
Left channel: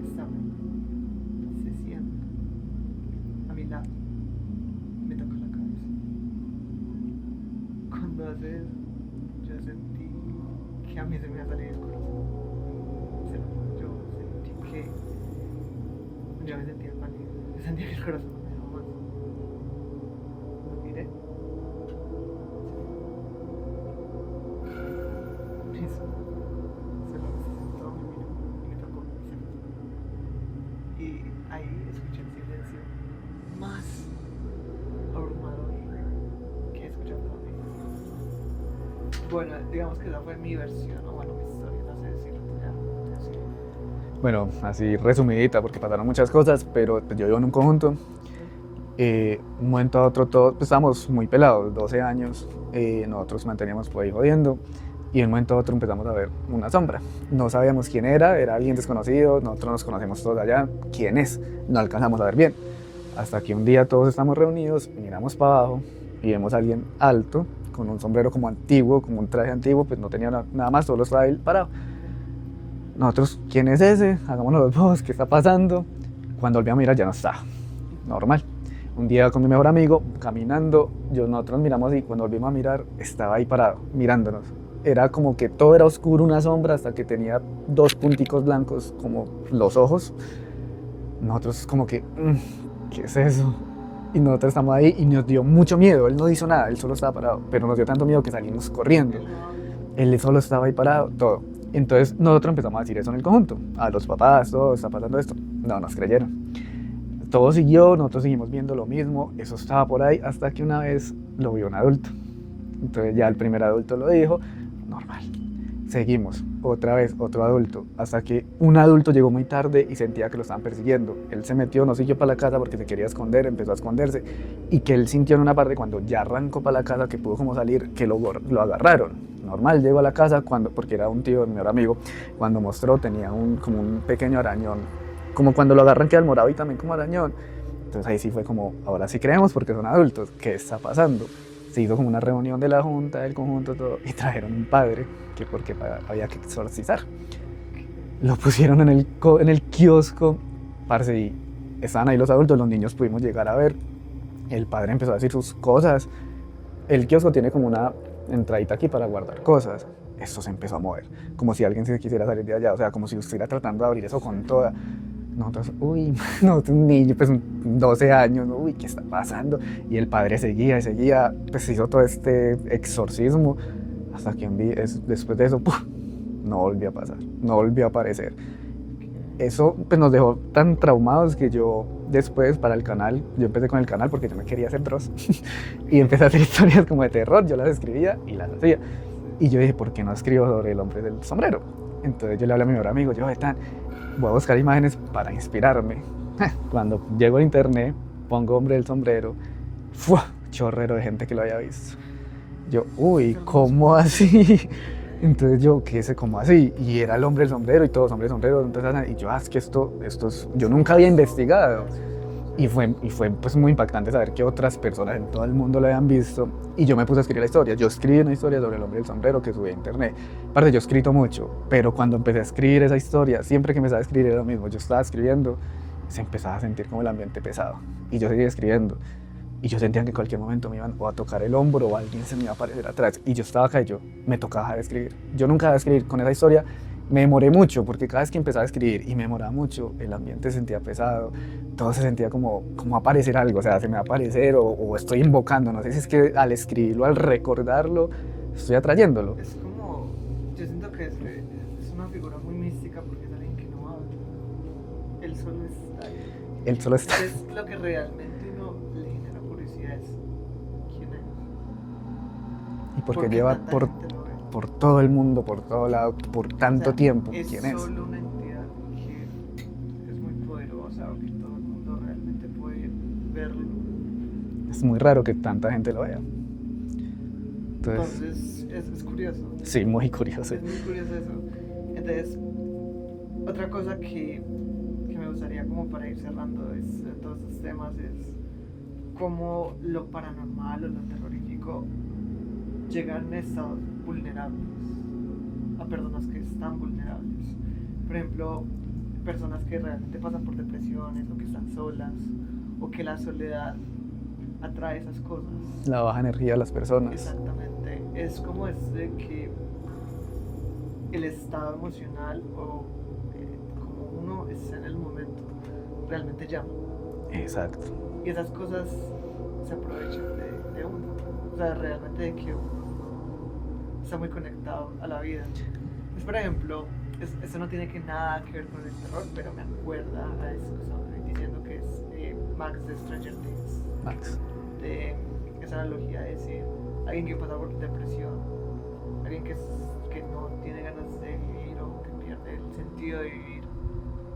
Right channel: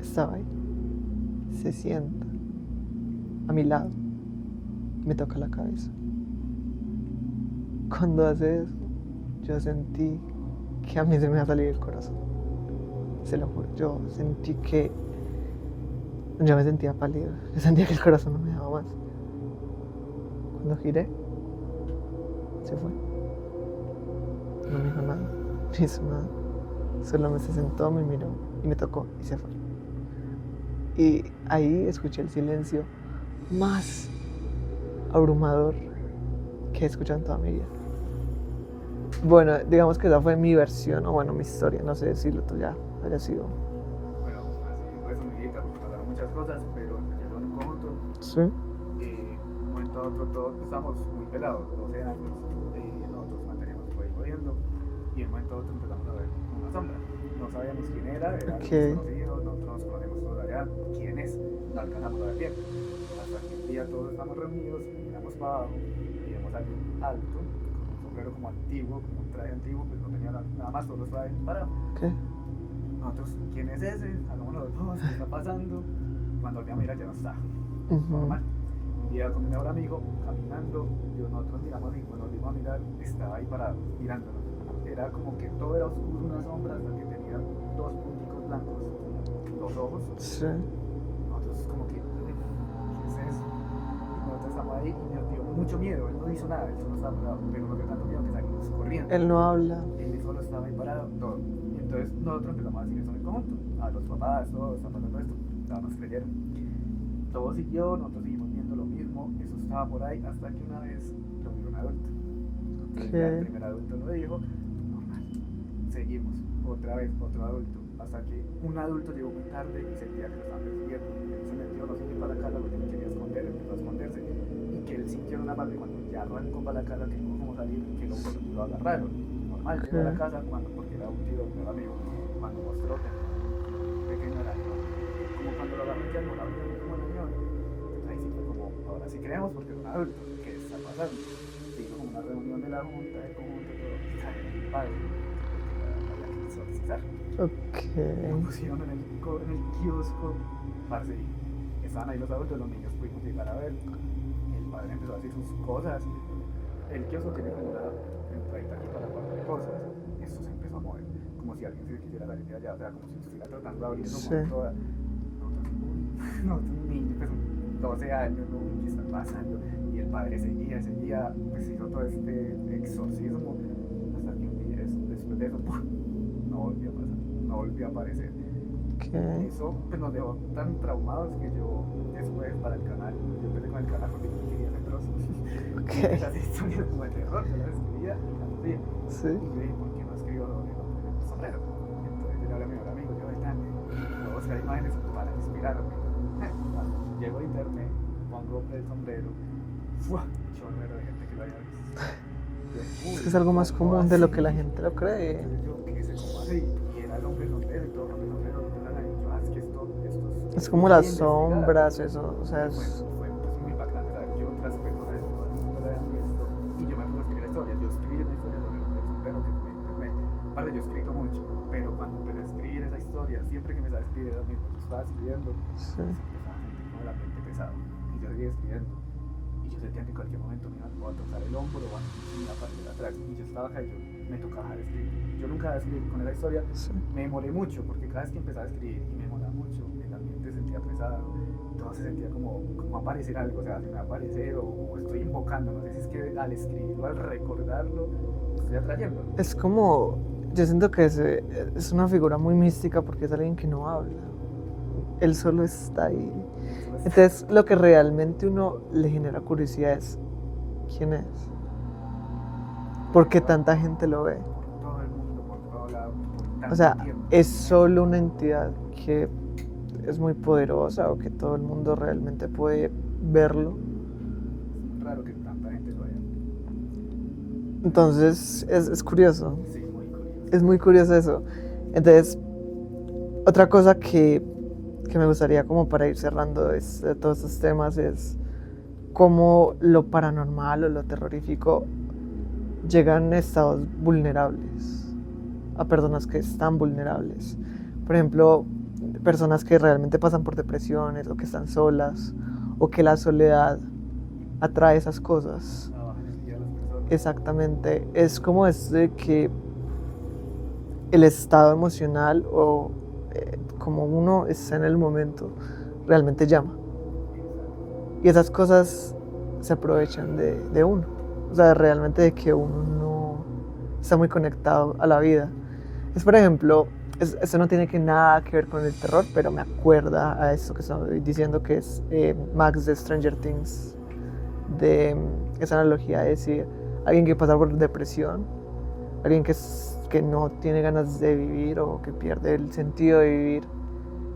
Estaba ahí. Se sienta a mi lado. Me toca la cabeza. Cuando hace eso, yo sentí que a mí se me iba a salir el corazón. Se lo juro. Yo sentí que... Yo me sentía pálido. Yo sentía que el corazón no me dejaba más. Cuando giré, misma, solo se sentó, me miró y me tocó y se fue. Y ahí escuché el silencio más abrumador que he escuchado en toda mi vida. Bueno, digamos que esa fue mi versión, o bueno, mi historia, no sé si lo tuya haya sido. Bueno, así resumidita, porque pasaron muchas cosas, pero pues, yo vivo en un conjunto. Sí. Un momento a otro, todos pues, estábamos muy pelados, 12 años, nosotros manteníamos por ahí jodiendo, y de un momento a otro empezamos a ver una sombra. No sabíamos quién era alguien desconocido, nosotros nos conocemos todos allá, quién es, no alcanzamos a ver bien. Hasta que un día todos estamos reunidos, miramos para abajo y vemos a alguien alto, con un sombrero como antiguo, como un traje antiguo, pues no tenía nada más, solo estaba él parado. ¿Qué? Nosotros, ¿quién es ese? Hagámonos los dos, ¿qué está pasando? Cuando volví a mirar ya no estaba, normal. Un día con mi mejor amigo, caminando, nosotros miramos y cuando volvimos a mirar, estaba ahí parado, mirándonos. Era como que todo era oscuro, una sombra, hasta que tenía dos punticos blancos, como los ojos. Sí. Nosotros como que, ¿qué es eso? Y nosotros estamos ahí y nos dio mucho miedo. Él no hizo nada, él solo estaba parado, pero nos dio tanto miedo que salimos corriendo. Él no habla. Él solo estaba ahí parado, todo. Entonces nosotros empezamos a decir eso en el conjunto. A los papás, todo, está pasando esto. No nos creyeron. Todo siguió, nosotros seguimos viendo lo mismo, eso estaba por ahí, hasta que una vez lo vio un adulto. Entonces ya el primer adulto lo dijo, normal. Seguimos, otra vez, otro adulto, hasta que un adulto llegó muy tarde y sentía que lo estaban persiguiendo. Él se metió, no siguió para la casa porque se quería esconder, empezó a esconderse, y que él sintió en una parte cuando ya arrancó para la casa, que pudo como salir, que lo agarraron. Normal, llegó a la casa, porque era un tío de mi mejor amigo, cuando mostró tenía como un pequeño arañón, como cuando lo agarran queda el morado y también como arañón. Entonces ahí sí fue como, ahora sí creemos porque son adultos, ¿qué está pasando? Se hizo como una reunión de la junta, del conjunto, todo, y trajeron un padre, que porque había que exorcizar. Okay. Lo pusieron en el kiosco, parce, y estaban ahí los adultos, los niños pudimos llegar a ver. El padre empezó a decir sus cosas. El kiosco tiene como una entradita aquí para guardar cosas. Esto se empezó a mover, como si alguien se quisiera salir de allá, o sea, como si estuviera tratando de abrir eso con toda. Nosotros, un niño, pues 12 años, uy, ¿qué está pasando? Y el padre seguía, pues hizo todo este exorcismo, hasta que después de eso, ¡puf!, no volvió a pasar, no volvió a aparecer. Okay. Eso pues nos dejó tan traumados que yo después para el canal, yo empecé con el canal porque yo me quería hacer Dross, y empecé a hacer historias como de terror, yo las escribía y las hacía. Sí. Y yo dije, ¿por qué no escribo sobre el hombre del sombrero? Entonces yo le hablé a mi mejor amigo, voy a buscar imágenes para inspirarme. Cuando llego a internet, pongo hombre del sombrero, ¡fua!, chorrero de gente que lo haya visto. Yo, uy, ¿cómo así? Entonces yo, ¿qué sé? ¿Cómo así? Y era el hombre del sombrero y todos hombre del sombrero. Entonces, y yo, es que esto yo nunca había investigado. Y fue pues muy impactante saber que otras personas en todo el mundo lo habían visto. Y yo me puse a escribir la historia. Yo escribí una historia sobre el hombre del sombrero que subí a internet. Aparte, yo he escrito mucho, pero cuando empecé a escribir esa historia, siempre que empezaba a escribir era lo mismo. Yo estaba escribiendo, se empezaba a sentir como el ambiente pesado. Y yo seguía escribiendo. Y yo sentía que en cualquier momento me iban o a tocar el hombro o alguien se me iba a aparecer atrás. Y yo estaba acá y me tocaba dejar de escribir. Yo nunca dejé de escribir. Con esa historia me demoré mucho, porque cada vez que empezaba a escribir y me demoraba mucho, el ambiente se sentía pesado, todo se sentía como aparecer algo, o sea, se me va a aparecer o estoy invocando. No sé si es que al escribirlo, al recordarlo, estoy atrayéndolo. Es como, yo siento que es una figura muy mística porque es alguien que no habla. Él solo está ahí. Él solo está. Entonces, lo que realmente uno le genera curiosidad es ¿quién es? ¿Por qué tanta gente lo ve? Por todo el mundo, por todo lado, por tanto tiempo. ¿Es solo una entidad que es muy poderosa o que todo el mundo realmente puede verlo? Es muy raro que tanta gente lo vea. Entonces es curioso. Sí, muy curioso. Es muy curioso eso. Entonces, otra cosa que me gustaría como para ir cerrando todos estos temas es cómo lo paranormal o lo terrorífico llegan a estados vulnerables, a personas que están vulnerables. Por ejemplo, personas que realmente pasan por depresiones o que están solas o que la soledad atrae esas cosas. La baja energía de las personas. Exactamente. Es como de que el estado emocional o como uno está en el momento, realmente llama. Exacto. Y esas cosas se aprovechan de uno. O sea, realmente de que uno no está muy conectado a la vida. Es, por ejemplo, eso no tiene nada que ver con el terror, pero me acuerda a eso que estoy diciendo, que es Max de Stranger Things, Max. de esa analogía de decir, alguien que pasa por depresión, alguien que no tiene ganas de vivir o que pierde el sentido de vivir,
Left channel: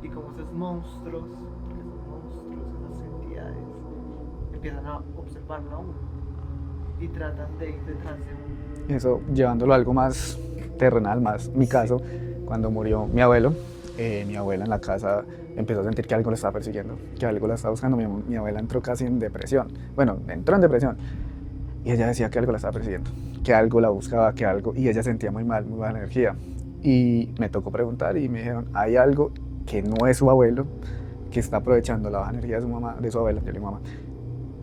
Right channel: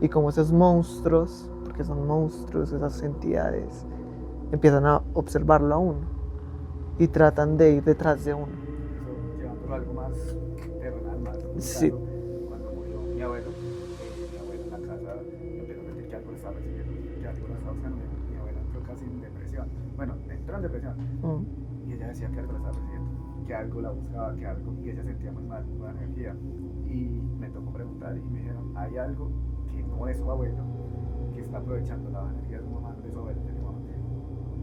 y como esos monstruos, porque son monstruos, esas entidades, empiezan a observarlo a uno y tratan de ir detrás de uno. Eso llevándolo a algo más terrenal, más mi Sí. caso, cuando murió mi abuelo, mi abuela en la casa empezó a sentir que algo la estaba persiguiendo, que algo la estaba buscando. Mi abuela entró casi en depresión. Bueno, entró en depresión. Y ella decía que algo la estaba persiguiendo, que algo la buscaba, que algo, y ella sentía muy mal, muy mala energía. Y me tocó preguntar y me dijeron, hay algo que no es su abuelo, que está aprovechando la baja energía de su mamá, de su abuela, yo le digo mamá,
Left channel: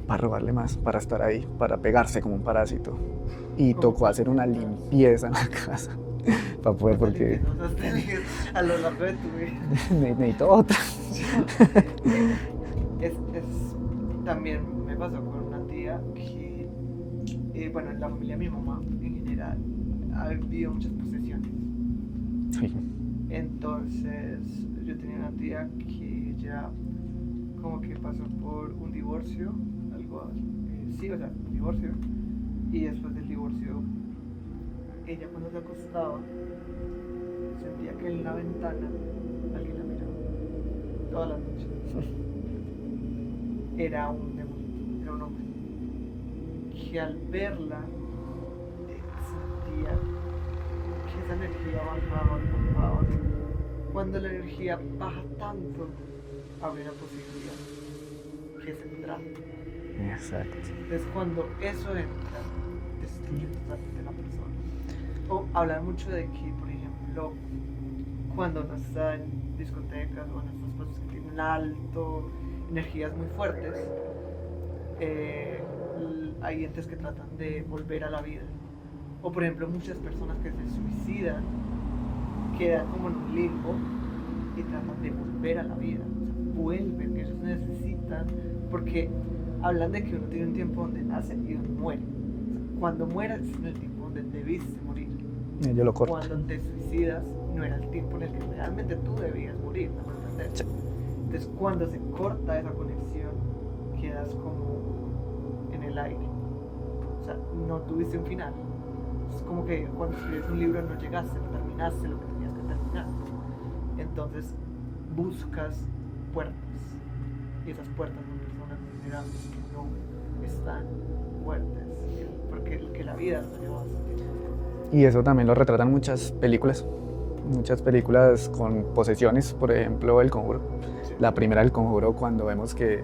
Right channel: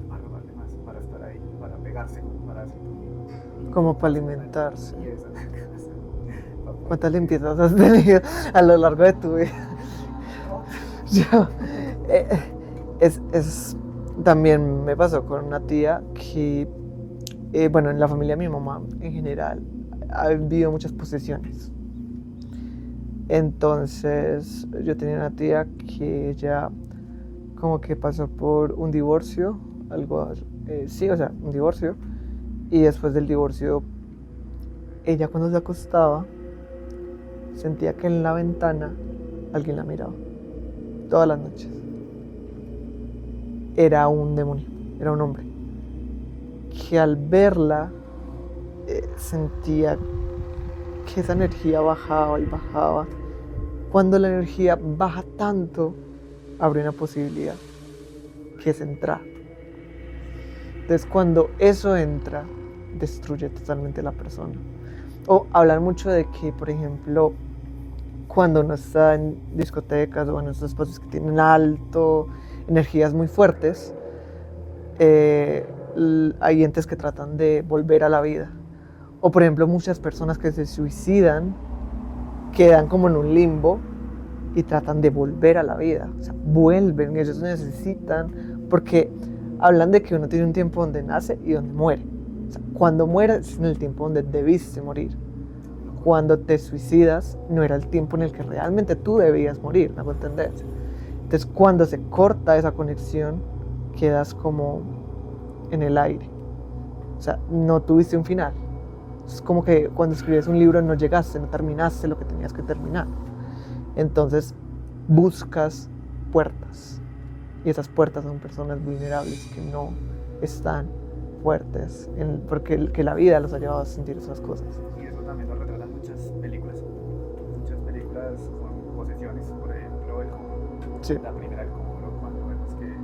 para robarle más, para estar ahí, para pegarse como un parásito. Y Como tocó para hacer una alimentarse. limpieza en la casa. Para poder, ¿Cuántas porque limpiezas has tenido a lo largo de tu vida? necesito otra. También me pasó con una tía que, bueno, en la familia de mi mamá en general ha habido muchas posesiones. Entonces yo tenía una tía que ella como que pasó por un divorcio, algo, sí, o sea, un divorcio, y después del divorcio ella cuando se acostaba sentía que en la ventana alguien la miraba todas las noches. Era un demonio, era un hombre que al verla sentía que esa energía bajaba y bajaba. Cuando la energía baja tanto, abre una posibilidad, que es entrar. Exacto. Entonces cuando eso entra, destruye totalmente la persona. O hablar mucho de que, por ejemplo, cuando uno está en discotecas o en estos espacios que tienen alto, energías muy fuertes, hay entes que tratan de volver a la vida. O por ejemplo, muchas personas que se suicidan quedan como en un limbo y tratan de volver a la vida. O sea, vuelven y ellos necesitan, porque hablan de que uno tiene un tiempo donde nace y donde muere. O sea, cuando mueres es en el tiempo donde debiste morir. Yo lo corto. Cuando te suicidas no era el tiempo en el que realmente tú debías morir, ¿me hago entender? Entonces cuando se corta esa conexión quedas como en el aire. O sea, no tuviste un final. Es como que cuando escribes un libro no llegaste, no terminaste lo que tenías que terminar. Entonces buscas puertas. Y esas puertas son personas vulnerables que no están fuertes, porque que la vida los ha llevado a sentir esas cosas. Y eso también lo retratan muchas películas con posesiones, por ejemplo, El Conjuro. Sí. La primera del Conjuro, cuando vemos que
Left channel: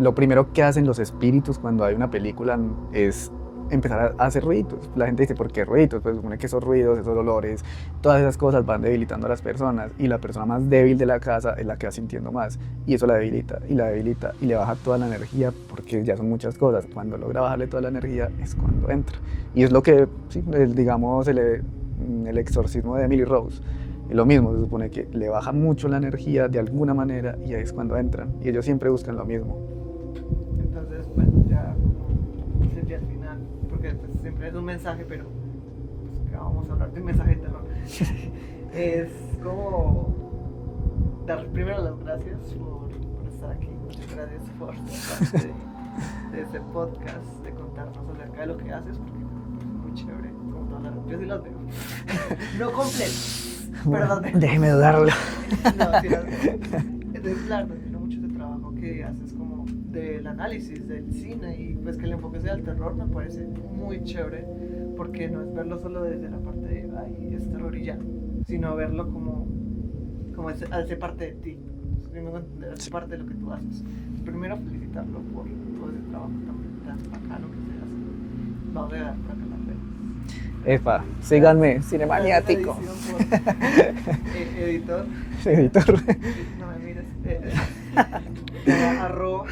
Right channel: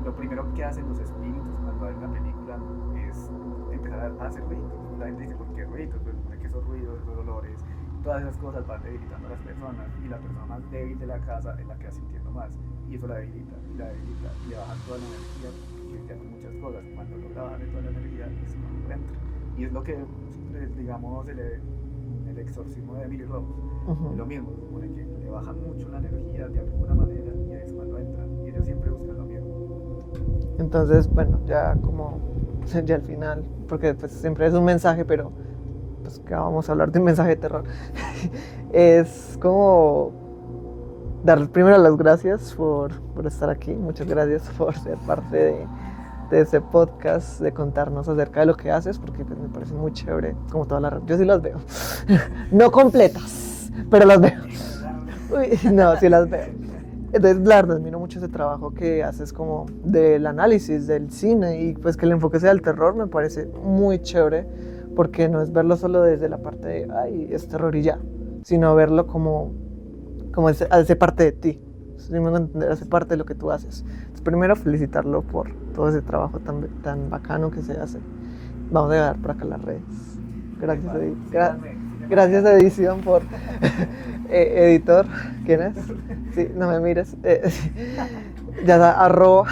lo primero que hacen los espíritus cuando hay una película es empezar a hacer ruidos. La gente dice, ¿por qué ruidos? Pues supone que esos ruidos, esos olores, todas esas cosas van debilitando a las personas, y la persona más débil de la casa es la que va sintiendo más, y eso la debilita, y la debilita, y le baja toda la energía, porque ya son muchas cosas. Cuando logra bajarle toda la energía es cuando entra. Y es lo que, sí, digamos, el exorcismo de Emily Rose. Uh-huh. Es lo mismo, se supone que le baja mucho la energía de alguna manera, y ahí es cuando entran, y ellos siempre buscan lo mismo. Entonces, bueno, ya como ya al final, porque pues siempre es un mensaje, pero pues que vamos a hablar de un mensaje de terror. Es como dar primero las gracias por estar aquí. Muchas gracias por ser parte de ese podcast, de contarnos acerca de lo que haces, porque pues, me parece muy chévere, como todas las... Yo sí las veo. No completas, pero las veo. Déjeme dudarlo. No, sí las veo. Entonces, la verdad, admiro mucho ese trabajo que haces como del análisis del cine, y pues que el enfoque sea el terror me parece muy chévere, porque no es verlo solo desde la parte de, ay, es terror y ya, sino verlo como hace parte de ti. ¿Sí me hago entender? Hace parte de lo que tú haces. Entonces, primero felicitarlo por todo ese trabajo tan bacano que se hace. Vamos a dejar por acá las redes. Epa, síganme, Gracias a edición por editor. Editor. Sí, no me mires. Ya da arroba.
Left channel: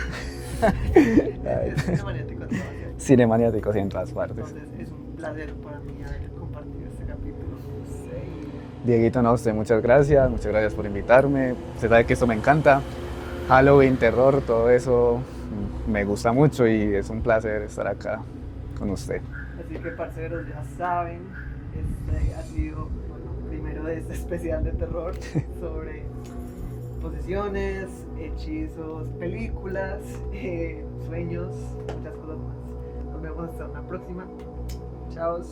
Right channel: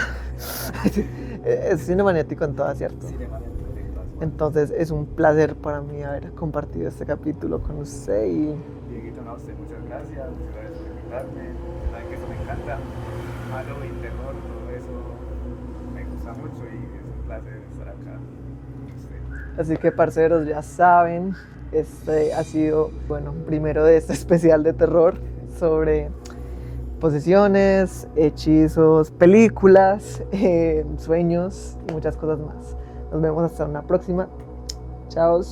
Cinemaniático en todas, ¿cierto? Cinemaniático, sí, en todas partes. Entonces es un placer para mí haber compartido este capítulo con usted. Y Dieguito, no, usted, muchas gracias por invitarme. Usted sabe que esto me encanta. Halloween, terror, todo eso me gusta mucho, y es un placer estar acá con usted. así que, parceros, ya saben, Este ha sido, bueno, primero de este especial de terror sobre posesiones, hechizos, películas, sueños y muchas cosas más. Nos vemos hasta una próxima. Chao.